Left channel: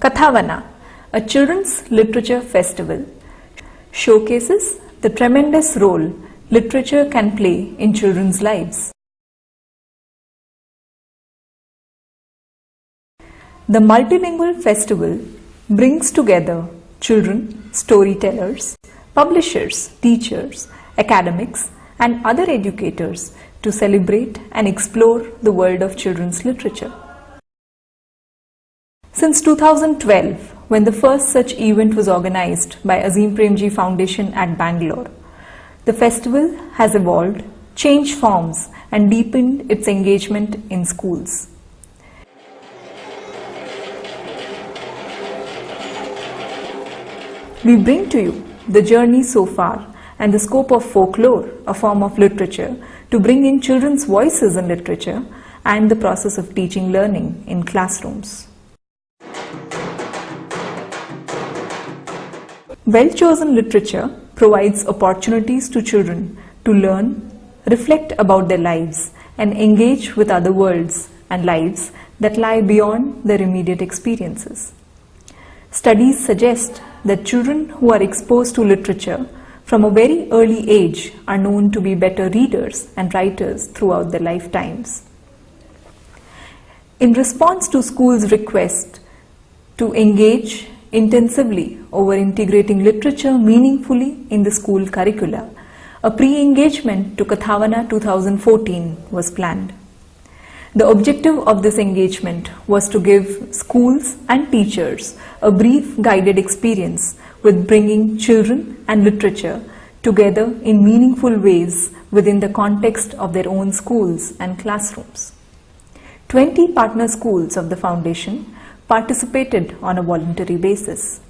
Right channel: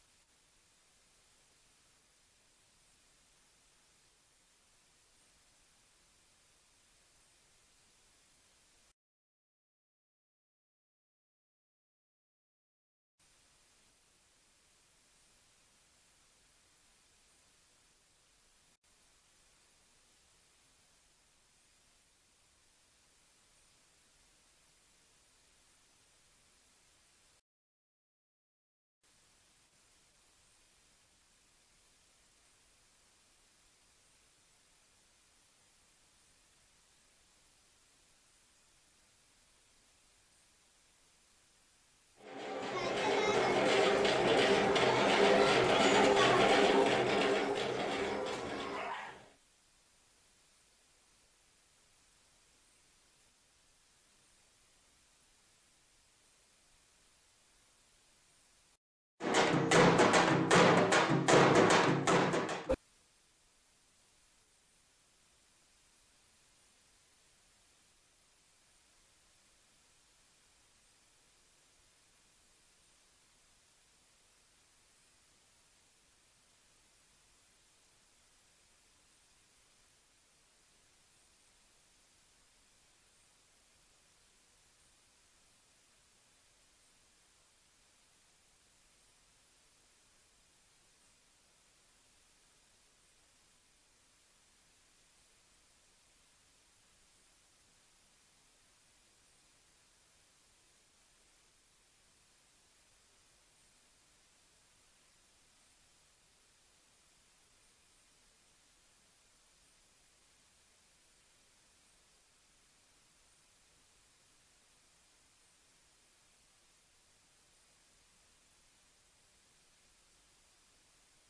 Kathavana, a children's literature festival, showcases the tremendous role literature can play in children's lives. The multilingual festival brings together children, storytellers, publishers, teachers, academics, and other educators to celebrate and explore the world of children's literature. Since 2012, when the first such event was organized by Azim Premji Foundation at Bangalore, the festival has evolved, changed forms, and deepened its engagement in schools. We bring to you the journey so far and the scope of folklore, a form of literature, to bring in children's voices in literature and the process of teaching learning in classrooms. Well-chosen literature provides opportunities to children to learn, reflect about their lives, and engage with other worlds and lives that lie beyond their immediate experiences. Studies suggest that children who are exposed to literature from a very early age are known to be better readers and writers throughout their lifetimes. In response to schools' request to engage intensively over integrating literature meaningfully in the school curricula, a pre-engagement to Kathavana 2014 was planned. The objective of this engagement was to give schools and teachers a brief guided experience with bringing children and literature together in meaningful ways within the context of their own schools and classrooms. 20 partner schools of the foundation participated on a voluntary basis,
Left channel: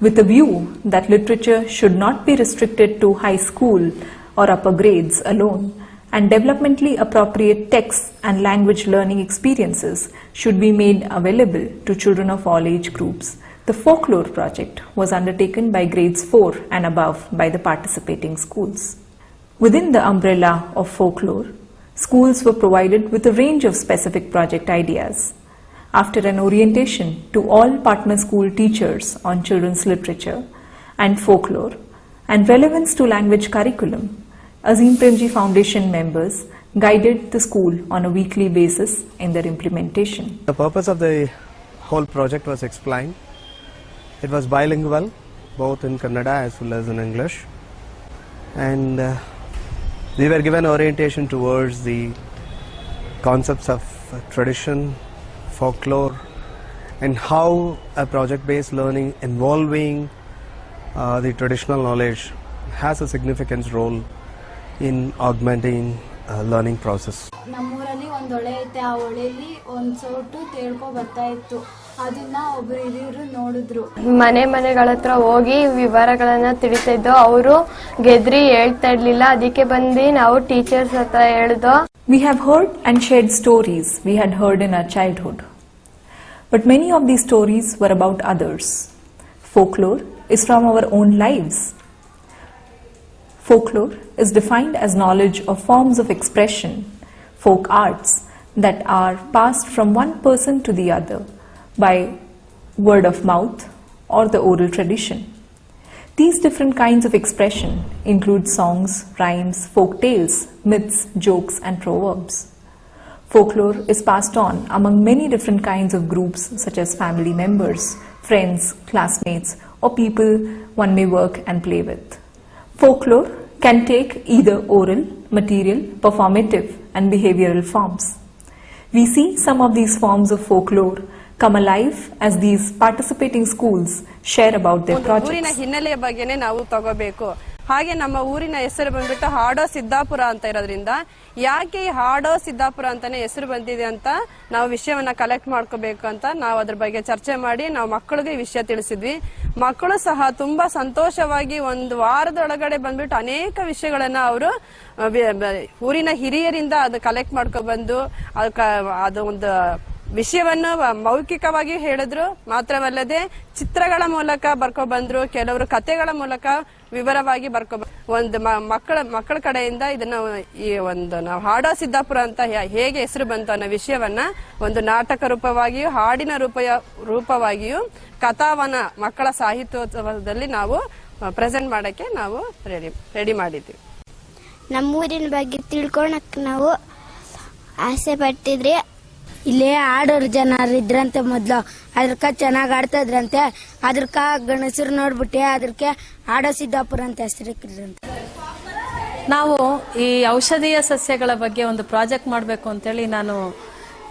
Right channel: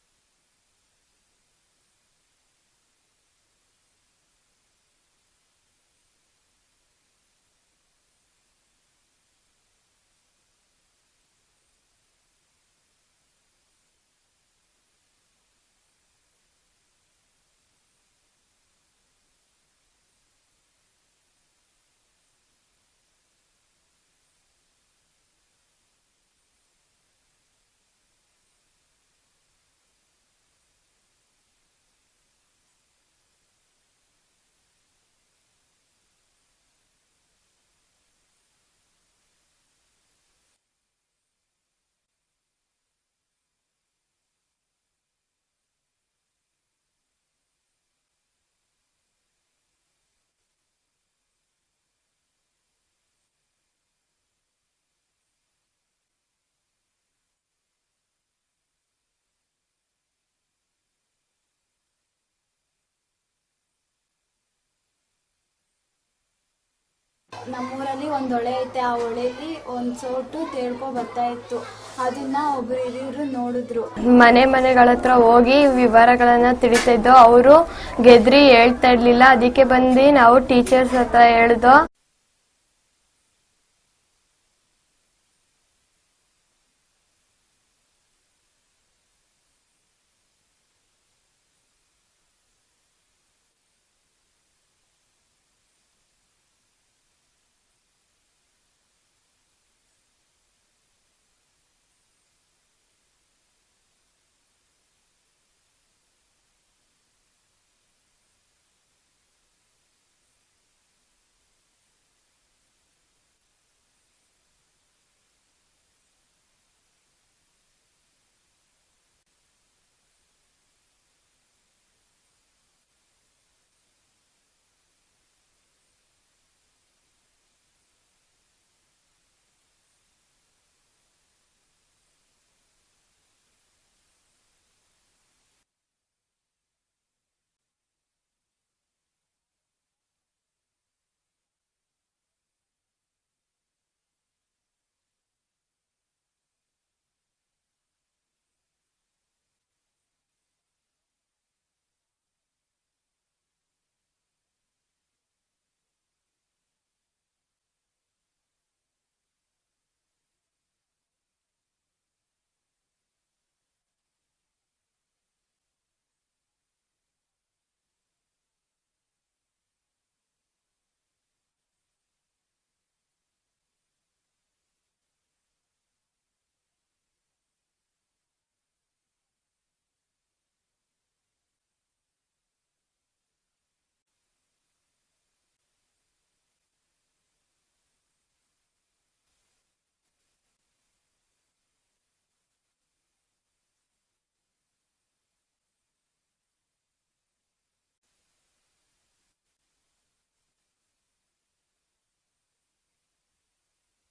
with a view that literature should not be restricted to high school or upper grades alone, and developmentally appropriate texts and language learning experiences should be made available to children of all age groups. The folklore project was undertaken by grades 4 and above by the participating schools. Within the umbrella of folklore, schools were provided with a range of specific project ideas. After an orientation to all partner school teachers on children's literature and folklore and relevance to language curriculum, Azim Premji Foundation members guided the school on a weekly basis in their implementation. The purpose of the whole project was explained. It was bilingual, both in Kannada as well as in English, and we were given orientation towards the concepts of tradition, folklore, and how a project-based learning involving the traditional knowledge has a significant role in augmenting learning process. ನಮ್ಮೂರಲ್ಲಿ ಒಂದು ಹೊಳೆ ಐತೆ, ಆ ಹೊಳೆಯಲ್ಲಿ ಒಂದು ಸೋಟು ತೇಳ್ಕೊ ಬರ್ತಾ ಇತ್ತು. ಅದನ್ನ ಒಬ್ರು ಹಿರಿಯರು ನೋಡಿದ್ರು. We have heard and shared stories we had heard in our childhood. But many of these stories were about others. Folklore is from our own lives. Folklore is defined as knowledge of forms of expression, folk arts, that are passed from one person to the other by word of mouth or the oral tradition. These different kinds of expression include songs, rhymes, folk tales, myths, jokes, and proverbs. Folklore is passed on among many different kinds of groups such as family members, friends, classmates, or people one may work and play with. Folklore can take either oral, material, performative, and behavioral forms. We see some of these forms of folklore come alive as these participating schools share about their projects. ಊರಿನ ಹಿನ್ನೆಲೆಯ ಬಗ್ಗೆನೇ ನಾವು ತಗೋಬೇಕು. ಹಾಗೆ ನಮ್ಮ ಊರಿನ ಹೆಸರು ಬಂದ್ಬಿಟ್ಟು ಹಾಡೋ ಸಿದ್ದಾಪುರ ಅಂತ ಇರೋದ್ರಿಂದ ಯಾಕೆ ಈ ಹಾಡೋ ಸಿದ್ದಾಪುರ ಅಂತಾನೆ ಹೆಸರು ಬಂದಿದೆ ಅಂತ ನಾವು ವಿಷಯವನ್ನ ಕಲೆಕ್ಟ್ ಮಾಡ್ಕೋಬೇಕು ಅಂತ ನಾವು ಅದ್ರ ಬಗ್ಗೆ ಚರ್ಚೆ ಮಾಡಿ ನಾವು ಮಕ್ಕಳಿಗೆ ಈ ವಿಷಯ ತಿಳಿಸಿದ್ವಿ. ಮಕ್ಕಳು ಸಹ ತುಂಬಾ ಸಂತೋಷವಾಗಿ ಒಂದು ವಾರದೊಳಗಡೆ ಬಂದ್ಬಿಟ್ಟು ಅನೇಕ ವಿಷಯಗಳನ್ನ ಅವರು ಊರಿನ ಹಿರಿಯರಿಂದ ಅದು ಕಲೆಕ್ಟ್ ಮಾಡ್ಕೊ ಬಂದು ಅದು ಒಂದು ವಿಷಯವನ್ನು ಮೌಖಿಕವಾಗಿ ಹೇಳಿದ್ರು. ಮಾತ್ರವಲ್ಲದೆ ಚಿತ್ರಗಳ ಮೂಲಕ ಬರ್ಕೊ ಬಂದ್ರು, ಕೆಲವರು ಕಥೆಗಳ ಮೂಲಕ ವಿವರವಾಗಿ ಒಂದು ಮಕ್ಕಳ ಕಡೆಯಿಂದ ಇದನ್ನ ಈ ಒಂದು ನಾವು ಹಾಡೋ ಸಿದ್ದಾಪುರ ಅಂತ ಹೇಗೆ ಹೆಸರು ಬಂತು ಅನ್ನೋ ವಿಷಯವನ್ನ ಒಂದು ನಾಟಕ ರೂಪವಾಗಿಯೂ ಹಾಡಿನ ರೂಪವಾಗಿಯೂ ಕಥಾವನ ಮಕ್ಕಳ ಸಾಹಿತ್ಯೋತ್ಸವದಲ್ಲಿ ನಾವು ಪ್ರೆಸೆಂಟ್ ಮಾಡಕ್ಕೆ ನಾವು ರೆಡಿ ಮಾಡಿದ್ವಿ. ನಮ್ಮೂರಿನ ಬಗ್ಗೆ ತಿಳ್ಕೊಳಕ್ ನಾವು ಆಸೆ ಪಟ್ಟಿದ್ರಿ. ಇಲ್ಲೇ ಆಡೋರು ಜನರು ಇದ್ರಂತೆ ಮೊದ್ಲು, ಅದ್ರಕ ಚೆನ್ನಾಗಿ ಆಡ್ತಿದ್ರಂತೆ. ಅದ್ರಕ ಗಣಸರು ನೋಡ್ಬಿಟ್ಟೆ ಅದ್ರಕ್ಕೆ ಆಡೋ ಸಿದ್ದಾಪುರ ಅಂತ ಹೆಸರಿಕ್ಕಿದ್ರಂತೆ. ನಾವು ಈ ಔಷಧೀಯ ಸಸ್ಯಗಳ ಬಗ್ಗೆ ಒಂದು ಪ್ರಾಜೆಕ್ಟ್ ಮಾಡಬೇಕು ಅಂತೇಳಿ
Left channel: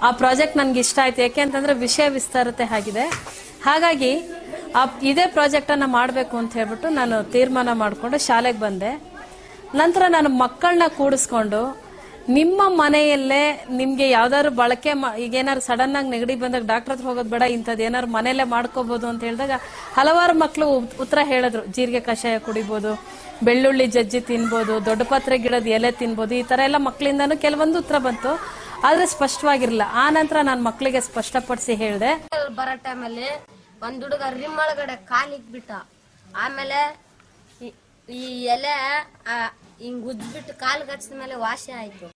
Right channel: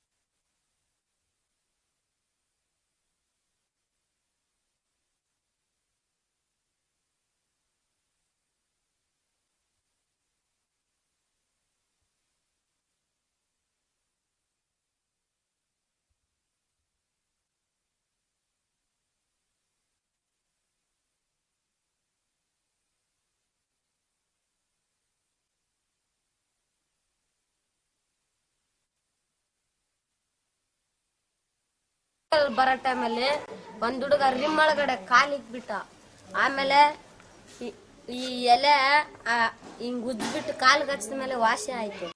ಆ ಪ್ರಾಜೆಕ್ಟ್ ನನಗೆ ಇಷ್ಟ ಆಯ್ತು. ಯಾಕೆ ಅಂತಂದ್ರೆ ವಿಷಯ ವಿಸ್ತಾರತೆ ಆಗಿದೆ. ಹಾಗಾಗಿ ಇದೇ ಪ್ರಾಜೆಕ್ಟನ್ನು ಮಾಡಬೇಕು ಅಂತ ಹೇಳ್ಬಿಟ್ಟು ನಾನು ತೀರ್ಮಾನ ಮಾಡಿಕೊಂಡು ಶಾಲೆಗೆ ಬಂದೆ. ನಂತರ ನಾನು ಮಕ್ಕಳನ್ನ ಕೂಡಿಸ್ಕೊಂಡು ನಿಮ್ಮ ಮನೆಯಲ್ಲೇ ನಿಮ್ಗೆ ಯಾವ್ದಾದ್ರು ಬಳಕೆ ಈಗೇನಾದ್ರು ಸಡನ್ ಆಗಿ ನೆಗಡಿ ಬಂದಾಗ ಡಾಕ್ಟರ್ ಹತ್ರ ಹೋಗೋದು ಬೇಡ, ಇಂಥದ್ದು ಏನಾದ್ರು ಮನೆಯಲ್ಲೇ ಮಾಡ್ಕೋಬಹುದು ಅಂತ ಹೇಳಿದಾಗ ಹಲವಾರು ಮಕ್ಕಳು ಉತ್ತರ ಹೇಳಿದ್ರು. ಜೀರಿಗೆ ಕಷಾಯ ಕುಡಿಬಹುದು, ಬೆಳ್ಳುಳ್ಳಿ ಜಜ್ಜಿ ತಿನ್ಬೋದು, ದೊಡ್ಡ ಪತ್ರೆ ಗಿಡದ ಎಲೆ ತಿನ್ಬೋದು, ಈ ತರ ಎಲ್ಲ ಮಕ್ಕಳಿಂದಾನು ಕೆಲವೊಂದು ಉತ್ತರ ಬಂತು. ಆದ್ರೆ ಸ್ಪಷ್ಟವಾಗಿರ್ಲಿಲ್ಲ. ಆ ನಂತರ ನಾನು ಮಕ್ಕಳಿಗೆ ಸ್ಪಷ್ಟಪಡಿಸಿ ಹೇಳಿದೆ. ಬರೋ ಟೈಮಲ್ಲಿ ಒಂದ್ ಹುಡುಗ ರಿಮ್ ಒಳಗಡೆ ಕಾಲಿಕ್ಬಿಟ್ಟ. ಆಮೇಲೆ ಈ ಎಲೆ ಹಿಂಗ್ ಉಜ್ಬಿಟ್ಟು ಕಾಲು ಗಚ್ಚಿದ ಮೇಲೆ ವಾಸಿ ಆಯ್ತು.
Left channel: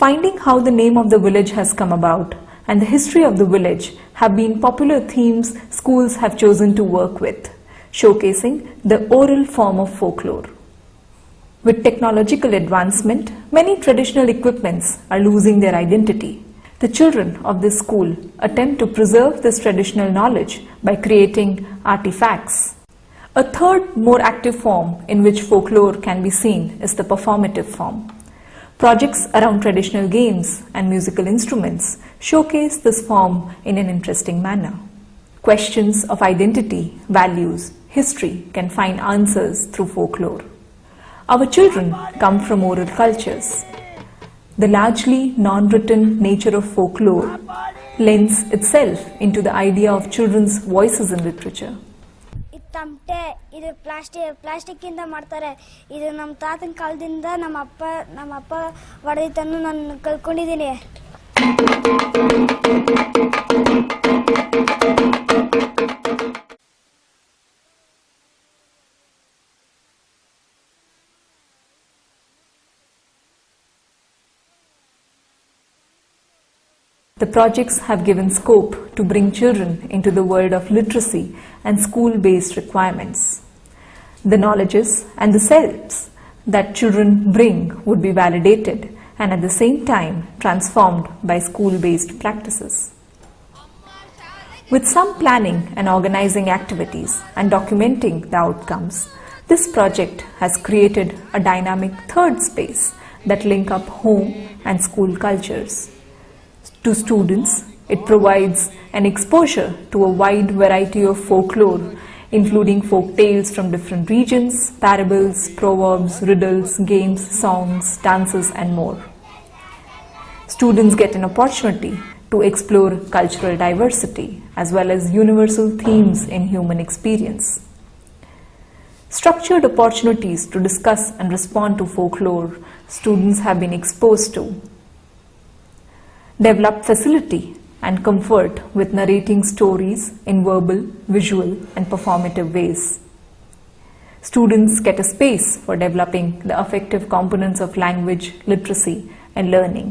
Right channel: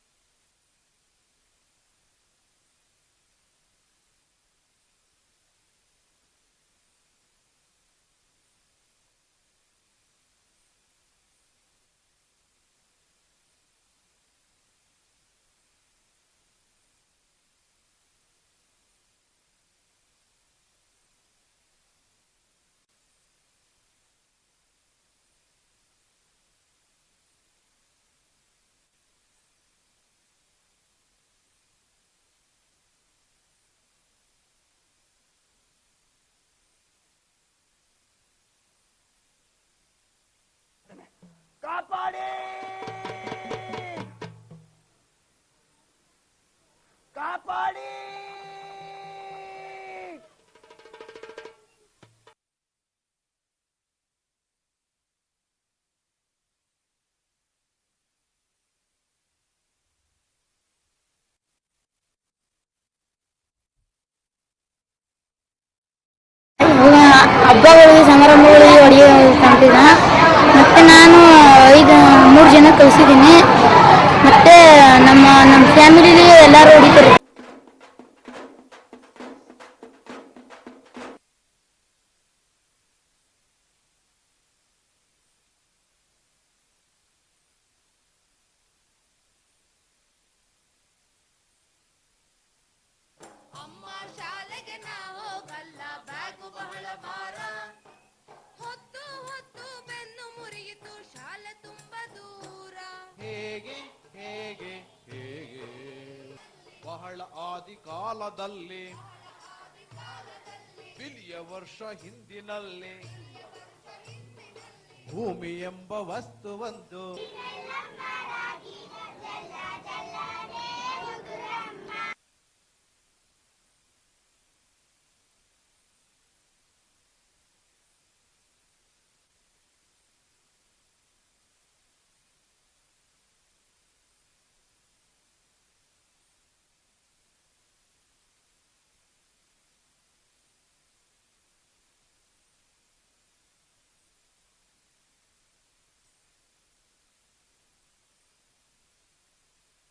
Finding how the name of the village has come about and the history of the village have been popular themes schools have chosen to work with, showcasing the oral form of folklore. With technological advancement, many traditional equipments are losing their identity. The children of this school attempt to preserve this traditional knowledge by creating artifacts. A third, more active form in which folklore can be seen is the performative form. Projects around traditional games and musical instruments showcase this form in an interesting manner. Questions of identity, values, history can find answers through folklore. Our children come from oral cultures. The largely non-written nature of folklore lends itself into the idea of children's voices in literature. ತಮಟೆ ಇದು plastic ಇಂದ ಮಾಡ್ತಾರೆ. ಇದು ನಮ್ಮ ತಾತನ ಕಾಲದಿಂದ ನಮ್ಮ ಅಪ್ಪ ಹೊಡೆದಿದ್ದನ್ನು ನಾನು ಕಲ್ತ್ಕೊಂಡಿದ್ದೀನಿ. ಹಬ್ಬಗಳಿಗೆ ಸಮಾರಂಭಗಳಿಗೆ ಹೊಡೆಯೋ ತಮಟಿನ ಮತ್ತೆ ನಾನು 3 ಜನ ಕಲಿಸಿದ್ದೀನಿ. ಮತ್ತೆ ನಮ್ಮ ಫ್ಯಾಮಿಲಿಲಿ ಎಲ್ಲರೂ ಹೊಡಿತಾರೆ. The projects have given scope to bring children into the world of literacy and school-based requirements. The knowledges and the selves that children bring would be validated and at the same time transformed by school-based practices. With some planning and organizing activities and documenting the outcomes, this project has created a dynamic third space that link up home and school cultures. To students, it provides an exposure to a wide variety of folklore, including folk tales from different regions, parables, proverbs, riddles, games, songs, dances, and more. Students get an opportunity to explore cultural diversity as well as universal themes in human experience. Structured opportunities to discuss and respond to folklore students have been exposed to. Develop facility and comfort with narrating stories in verbal, visual, and performative ways. Students get a space for developing the affective components of language, literacy, and learning.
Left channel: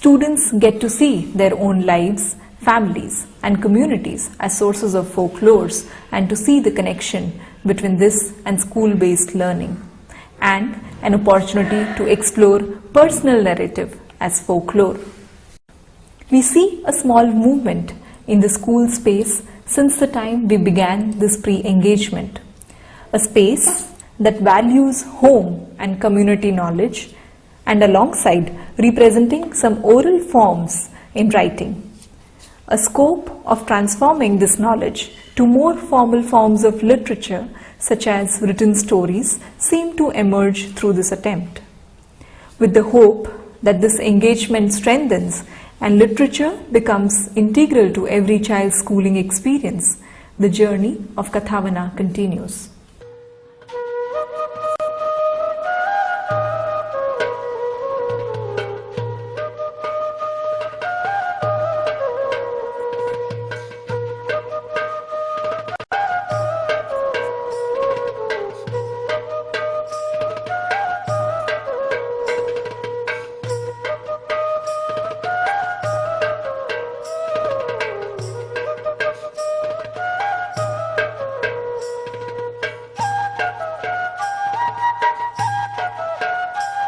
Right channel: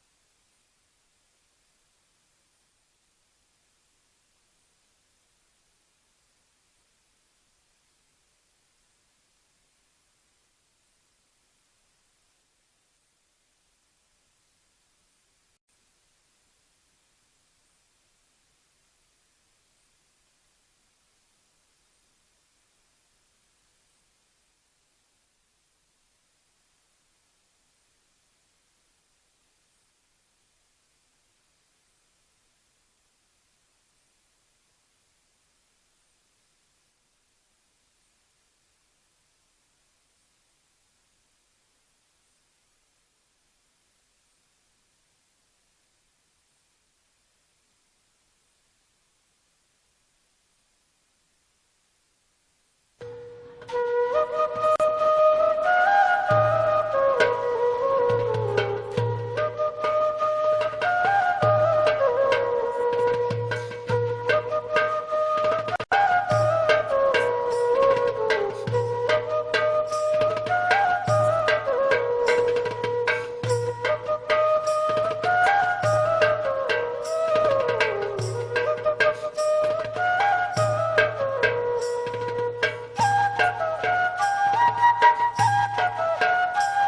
Students get to see their own lives, families, and communities as sources of folklores and to see the connection between this and school-based learning, and an opportunity to explore personal narrative as folklore. We see a small movement in the school space since the time we began this pre-engagement. A space that values home and community knowledge and alongside representing some oral forms in writing. A scope of transforming this knowledge to more formal forms of literature such as written stories seem to emerge through this attempt. With the hope that this engagement strengthens and literature becomes integral to every child's schooling experience, the journey of Kathavana continues.